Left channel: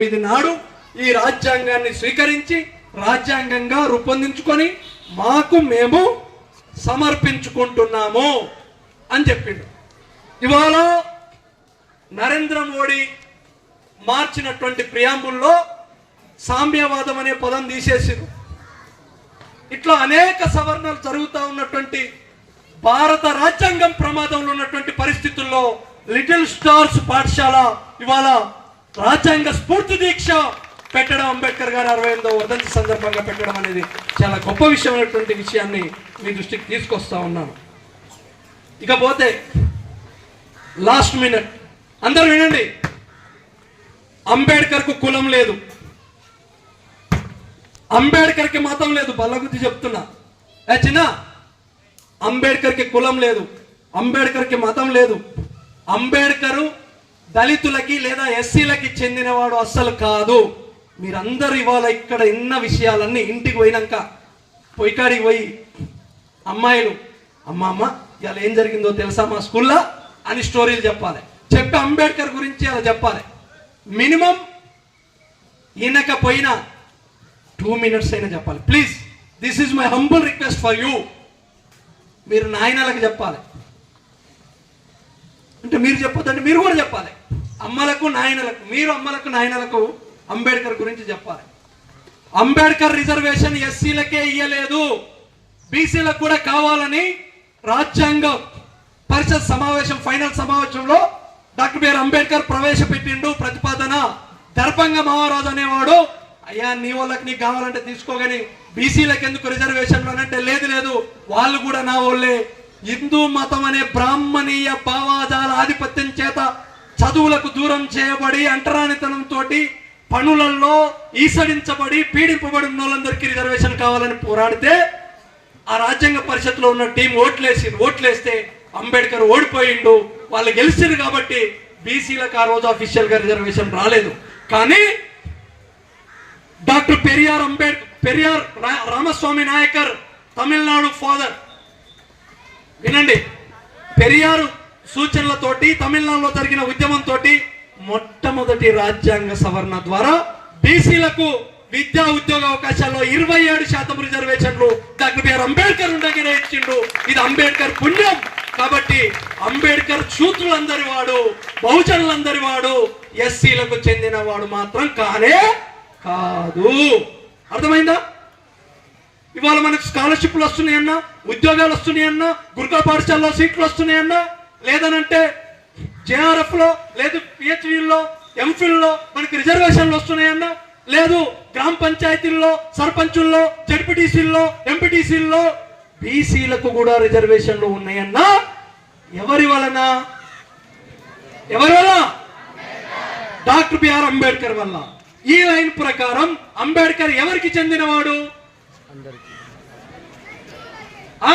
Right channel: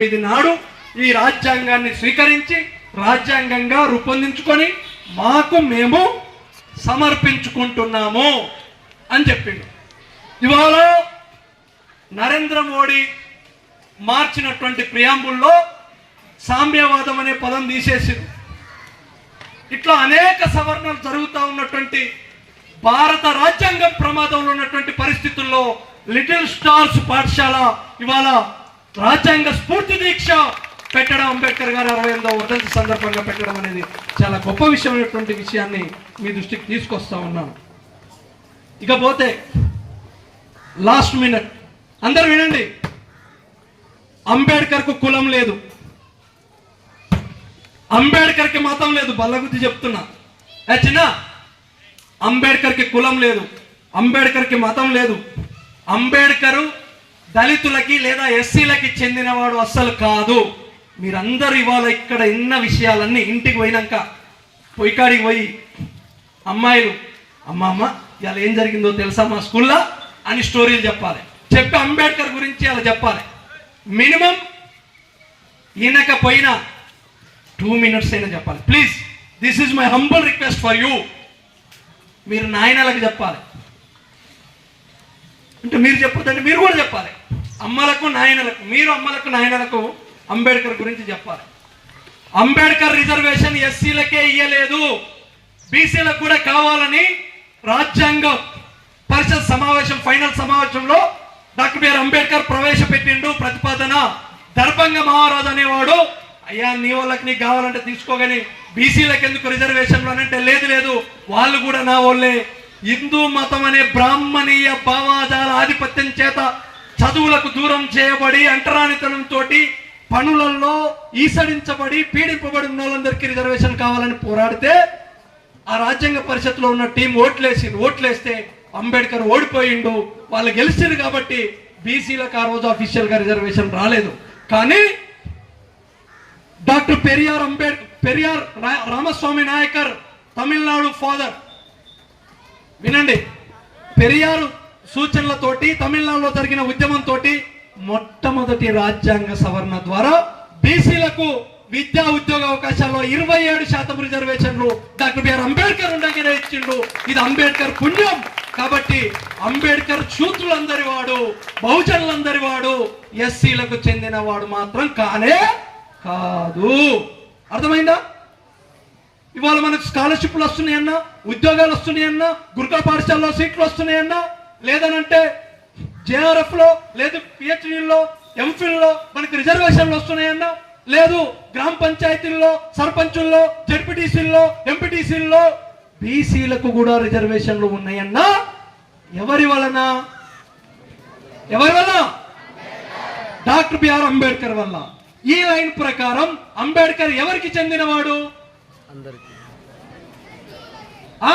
ఇది నాడు ఈ రాజ్యాంగాన్ని స్వీకరించి రాజ్యాంగంగా రూపొందించుకొని మాకు మేము సమర్పించుకుంటున్నాము అని చెప్పిండు. ఇవాళ నరేంద్ర మోడీ మార్చినటువంటి ప్రియాంబుల్లో సామ్యవాదం అనే పదం తీసేసింది ఇట్లా అనేక సవరణలు జరుగుతూ ఉన్నటువంటి భారత రాజ్యాంగం ప్రమాదంలో ఉన్నటువంటి పరిస్థితుల్లో లిటిల్ స్టార్స్ పాఠశాల ఇవాళ రాజ్యాంగ స్ఫూర్తి దీక్ష పెట్టడం అంబేద్కర్ గారు అరవై ఎనిమిదో వర్ధంతి సందర్భంగా పెట్టడం అనేది చాలా గొప్ప విషయమైనటువంటి విషయాన్ని మీ దృష్టికి తీసుకొస్తా ఉన్నాను. ఇకపోతే లాస్ట్ మినిట్ అందరూ వినండి. అంబేద్కర్కు కులం లేదు. అంబేద్కర్కి మతం లేదు. బల్లగుద్ది చెప్తున్నా. ఏ చిన్న? అంబేద్కర్కి కులం లేదు. అంబేద్కర్కి మతం లేదు. అంబేద్కరు దళితులకి లేదా ఎస్సీలకి చెందినవాడు అస్సలు కాదు. మీరందరూ ఇవాళ ఇక్కడ ఇన్న విషయాలన్నీ ఇంటికి పోయినాక పొయ్యికాడికి పోయి అమ్మాయిలు అమ్మ అమ్మ ఇవాళ ఏం జరిగిందో తెలుసా మా స్కూల్లో? అని స్టోరీలు చెప్పాలి. చెప్పి అంబేద్కర్ గురించి అలా చెప్పాలి. మినిమం ఈయనకపోయినా టూ మినిట్స్ అయినా చెప్పాలి. Please this is my humble request for you. మీరు నాయనలకు చెప్పాలి. అంటే మీరు చెప్పొద్దంటే మీరు కూడా చెప్పాలి. అమ్మలకు నాయనలకు మీరు అమ్మలకు నాయనలకు అంబేద్కర్ గురించి చెప్పాలి. అంబేద్కర్ రిజర్వేషన్ ఎస్సీలకే ఇయ్యలేదు. బీసీలకు కూడా కావాలని రాజ్యాంగ పరిషత్ సమావేశం ఫైనల్ సమావేశంలో డాక్టర్ బిఆర్ అంబేద్కర్ ప్రవేశపెట్టిండు. ప్రతిపాదన దర్భంగ మహారాజు అనేవాడు. అయ్యా నీ వాళ్ళకి నీకు కావాలంటే తీసుకోగాని బీసీలకు ఎందుకు రిజర్వేషన్లు అంటే లేదు లేదు. వాళ్ళు కూడా నా వాళ్ళే. హిందూ మతం అనే బ్రాహ్మణీయ భావాదాల ఆధిపత్యం చేత చదువులకు దూరం చేయబడి అంటరానితనంతో పనులలో ఈసడించబడి పీడింపబడి ఉన్న వాళ్ళందరికీ రిజర్వేషన్ కావాలని పోరాడితే ఆ రాజ్యాంగ పరిషత్లో ఉన్న టీం ఓట్లేసి ఓట్లేస్తే అంబేద్కర్ ఓడిపోయిండు. వాళ్ళు గెలిచారు కాబట్టి బీసీలకు ఆ రోజు అఫీషియల్గా రిజర్వేషన్ రాలేదు. కానీ డాక్టర్ పెరియార్ అంబేద్కర్ పెరియార్ రా- రామస్వామి నాయకర్ తమిళనాడు ఫాదర్ వినండి. పెరియారు సూచనలతోటి తమిళనాడులో జరిగిన ఉద్యమంతో మొట్టమొదటి రాజ్యాంగ సవరణ ద్వారా బీసీలకు విద్యా ఉద్యోగ అవకాశాల్లో ఇరవై ఏడు శాతం రిజర్వేషన్లు డాక్టర్ బిఆర్ అంబేద్కర్ ఉండగానే ఇచ్చిండు. ఇది అంబేద్కర్ పుణ్యం. కాబట్టి అంబేద్కర్ శూద్రులందరి వాడు బహుజనులందరి వాడు ఎస్సీలకు చెందిన వాడు మాత్రం కానే కాదు. అర్థమైందా? ఇవాళ మనకు స్కాలర్షిప్లు వస్తున్నాయన్నా ఉద్యోగాలు వస్తున్నాయన్నా గురుకుల పాఠశాలలో సీట్లు వస్తున్నాయన్నా లేదనంటే జేఆర్ఎఫ్లో లేదు పిహెచ్డీలో ఎంఫిల్లో మనకి రిజర్వేషన్లు వస్తున్నాయన్నా లేదు గ్రామ పంచాయతీల్లో సర్పంచుల్లో జడ్పీటీసీల్లో ఎంపీటీసీల్లో బీసీలకు కూడా రిజర్వేషన్లు ఉన్నాయన్నా ఎవరి వలన? ఎవరి వలన? డాక్టర్ బిఆర్ అంబేద్కర్ వల్ల. ఈ లైన్ ప్రకారం అంబేద్కర్ ఎవరికి చెందినవాడు? ఆ?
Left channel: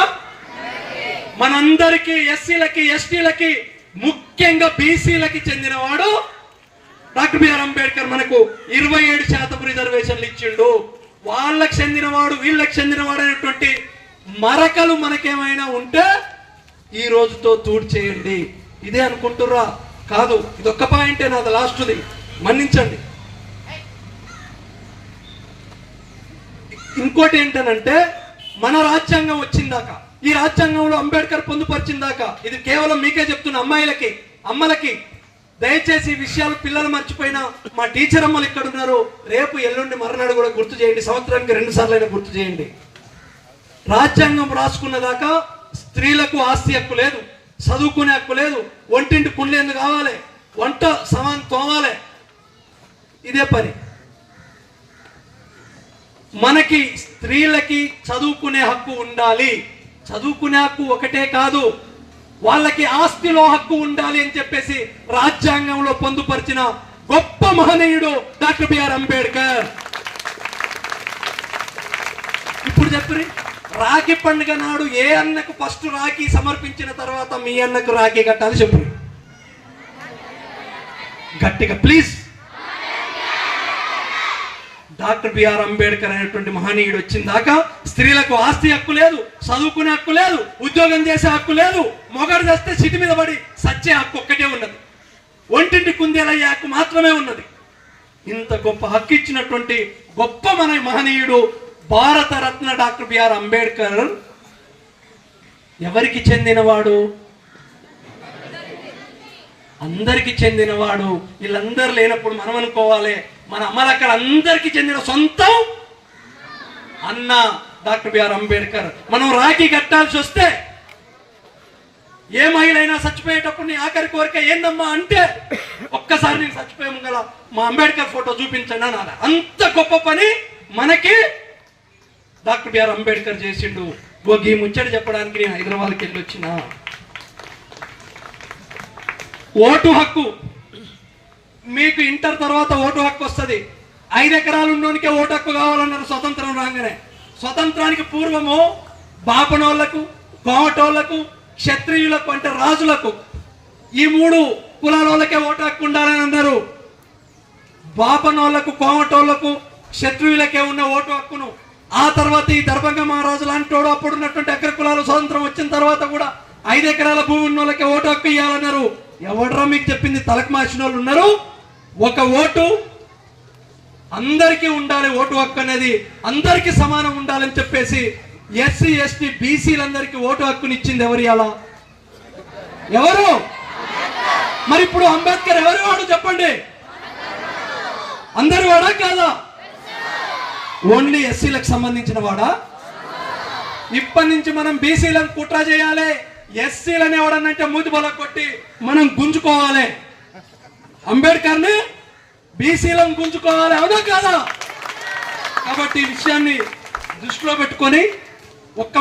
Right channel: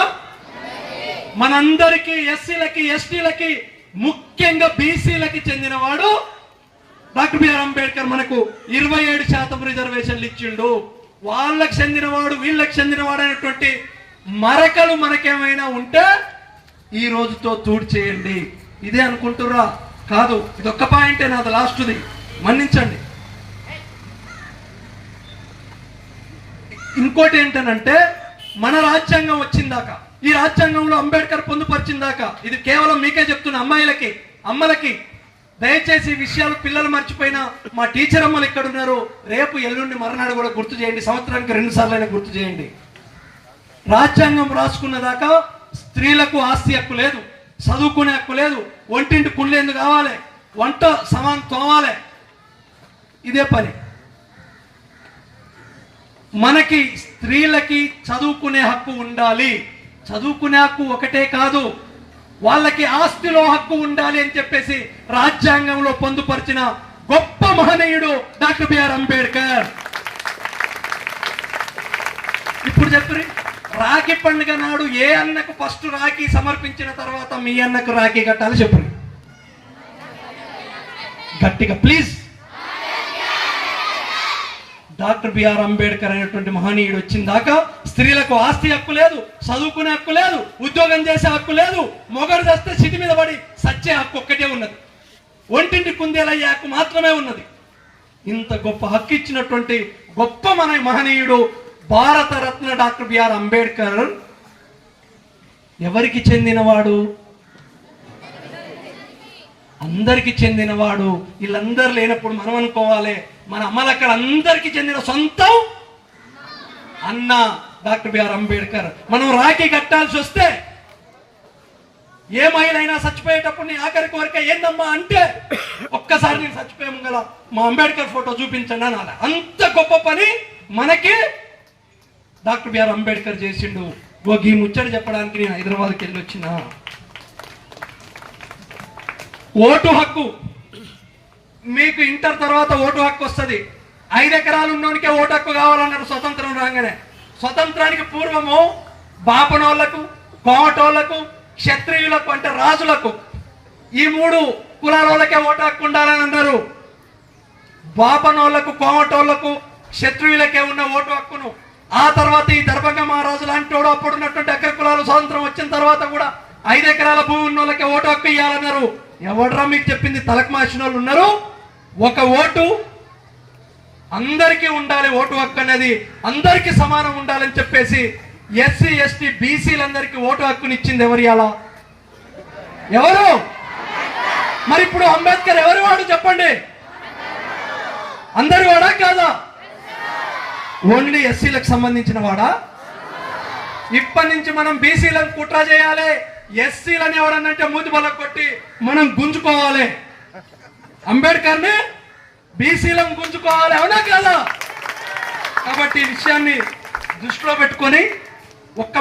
మనందరికీ ఎస్సీలకి ఎస్టీలకి ముఖ్యంగా బీసీలకి చెందినవాడు డాక్టర్ బిఆర్ అంబేద్కర్ మనకు ఇరవై ఏడు శాతం రిజర్వేషన్లు ఇచ్చిండు. వాళ్ళకి చెందినవాడు వీళ్ళకి చెందినవాడు అనేటువంటి మరకలు మనకేమైనా ఉంటే ఈ రోజుతో తూడ్చేయండి ఇదే అనుకుంటుర్రా? కాదు ఇదొక్క పాయింటే నాది లాస్ట్ది. మన్నించండి. ఇంకోటి ఏంటనంటే మన రాజ్యాంగం వచ్చిందాక ఈ రాజ్యాంగంలో అంబేద్కర్ పొందుపరిచిందాక ఇది కేవలం మీకే చెప్తున్న అమ్మాయిలకి అమ్మలకి. దయచేసి ఈ విషయాలు పిల్లలు మర్చిపోయినా మా టీచర్ అమ్మలు ఇక్కడ ఉన్నారు రేపు ఎల్లుండి మరణాడు కూడా గుర్తు చేయండి సంవత్సరానికి రెండు సార్లు అయినా గుర్తు చేయండి. రాజ్యాంగం రాసుకున్నదాకా స్త్రీలకు ఆస్తి హక్కు లేదు చదువుకునే హక్కు లేదు ఒంటింటి కుండ్లేందు కావాలి వంట సమాన్ తోవాలి ఇదే పని. మనకి స్త్రీలకి చదువుకునే హక్కు ఉండాలి. చదువుకునే హక్కు ఒకటే కాదు వాళ్ళకి ఆస్తిలో హక్కు ఉండాలి అని చెప్పేసి రాజ్యాంగంలో పొందుపరిచిన గొప్ప మహనీయుడు డాక్టర్ బిఆర్ అంబేద్కర్. ఇప్పుడు చెప్పండి రాఖీ పండుగ నాడు ఏ అన్నకు ఫస్ట్ రాఖీ సమర్పించిన తర్వాత మీ అన్నకు రాఖీ కట్టాలి చెప్పండి. గట్టిగా ప్లీజ్. డాక్టర్ బిఆర్ అంబేద్కర్ అనేటువంటి మహనీయుడు వచ్చిన దాకా స్త్రీలకు ఆస్తి హక్కు లేదు చదువుకునే హక్కు లేదు ఉద్యోగం చేసే హక్కు లేదు మొగడు చేస్తే చిటి మీద పడి సచ్చే హక్కు ఒక్కటే ఉన్నది. ఒంటింటి కుందేలయ్యే హక్కు మాత్రమే ఉన్నది. ఇంత గొప్ప హక్కు ఇచ్చినటువంటి గొప్ప మన మహనీయుడు భారత రత్న డాక్టర్ బిఆర్ అంబేద్కర్ ఎవరికి చెందినవాడు? అందరికి చెందినవాడు. వీళ్ళందరూ లేనప్పుడు మనం అనుకోవాలి. మన అమ్మలక్కడ చెందిన సొంతం అన్న డాక్టర్ బిఆర్ అంబేద్కర్. మనం రాఖీ కట్టాల్సి వస్తే ఏ మహిళ అయినా చచ్చిపోయేటప్పుడు నీ ఆఖరి కోరిక ఏందమ్మా అంటే ఒక్కసారి నేను చచ్చిపోయాము కదా మా అంబేద్కర్ ఫోటో చూపించండి అనాలి. అంత గొప్ప పని మనకి డాక్టర్ బిఆర్ అంబేద్కర్ చేసిండు. ఓ గీ ముచ్చట చెప్పడానికి నేను హైదరాబాద్కి వెళ్ళి వచ్చిన ఓటు హక్కు మీకు ఇంటర్ తర్వాత ఓటు హక్కు వస్తుంది. ఐదు ఎకరాలు ఉన్నోనికే ఓటు హక్కు కావాలన్నారు స్వతంత్రం రాగానే. స్వతంత్రానికి పూర్వము బాపనోళ్ళకు కోమటోళ్ళకు క్షత్రియులకు అంటే రాజులకు ఈ మూడు కులాల వాళ్ళకే ఓటు హక్కు ఉండాలని అన్నారు. బాపనోళ్ళకు కోమటోళ్ళకు క్షత్రియులకే ఉన్న ఓటు హక్కును ఆ తర్వాత ఈ దర్భంగ మహారాజు లాంటి వాడు అప్పుడు అగ్ర కులాలు స్వాతంత్రం వచ్చిన తర్వాత కూడా ఐదు ఎకరాల భూమి ఉన్న వాళ్ళకే ఓటు హక్కు ఇవ్వాలన్నారు ఎవడరా మీకు చెప్పింది తలకు మార్చిన వాళ్ళు ఉన్నారు? ఒక ఓటు అందరికీ ఉండాలి ఓటు హక్కు అనేది అందరికీ సమానం ఉండాలని చెప్పేసి ఎస్సీ ఎస్టీ బీసీలందరికీ ఓటు హక్కుని ఇచ్చింది ఎవరు అలా ఎవరు? మరి ఇప్పుడు అంబేద్కర్ ఎవరు వాడు చెప్పండి? అందరు వాడా కాదా? ఓన్లీ ఎస్సీలకు సంబంధించిన వాడా? ఇప్పటి నుంచి మనం బీసీలకు కుట్ర చేయాలి. ఎస్సీలను ఎవరన్నంటే మూతి బల కొట్టి మనం గుంజుకోవాలి. అంబేద్కర్ని బీసీలను గుంజుకోవాలి. అవునా కాదా? కాబట్టి ఈ విషయాన్ని దృష్టిలో పెట్టుకొని ఒక్క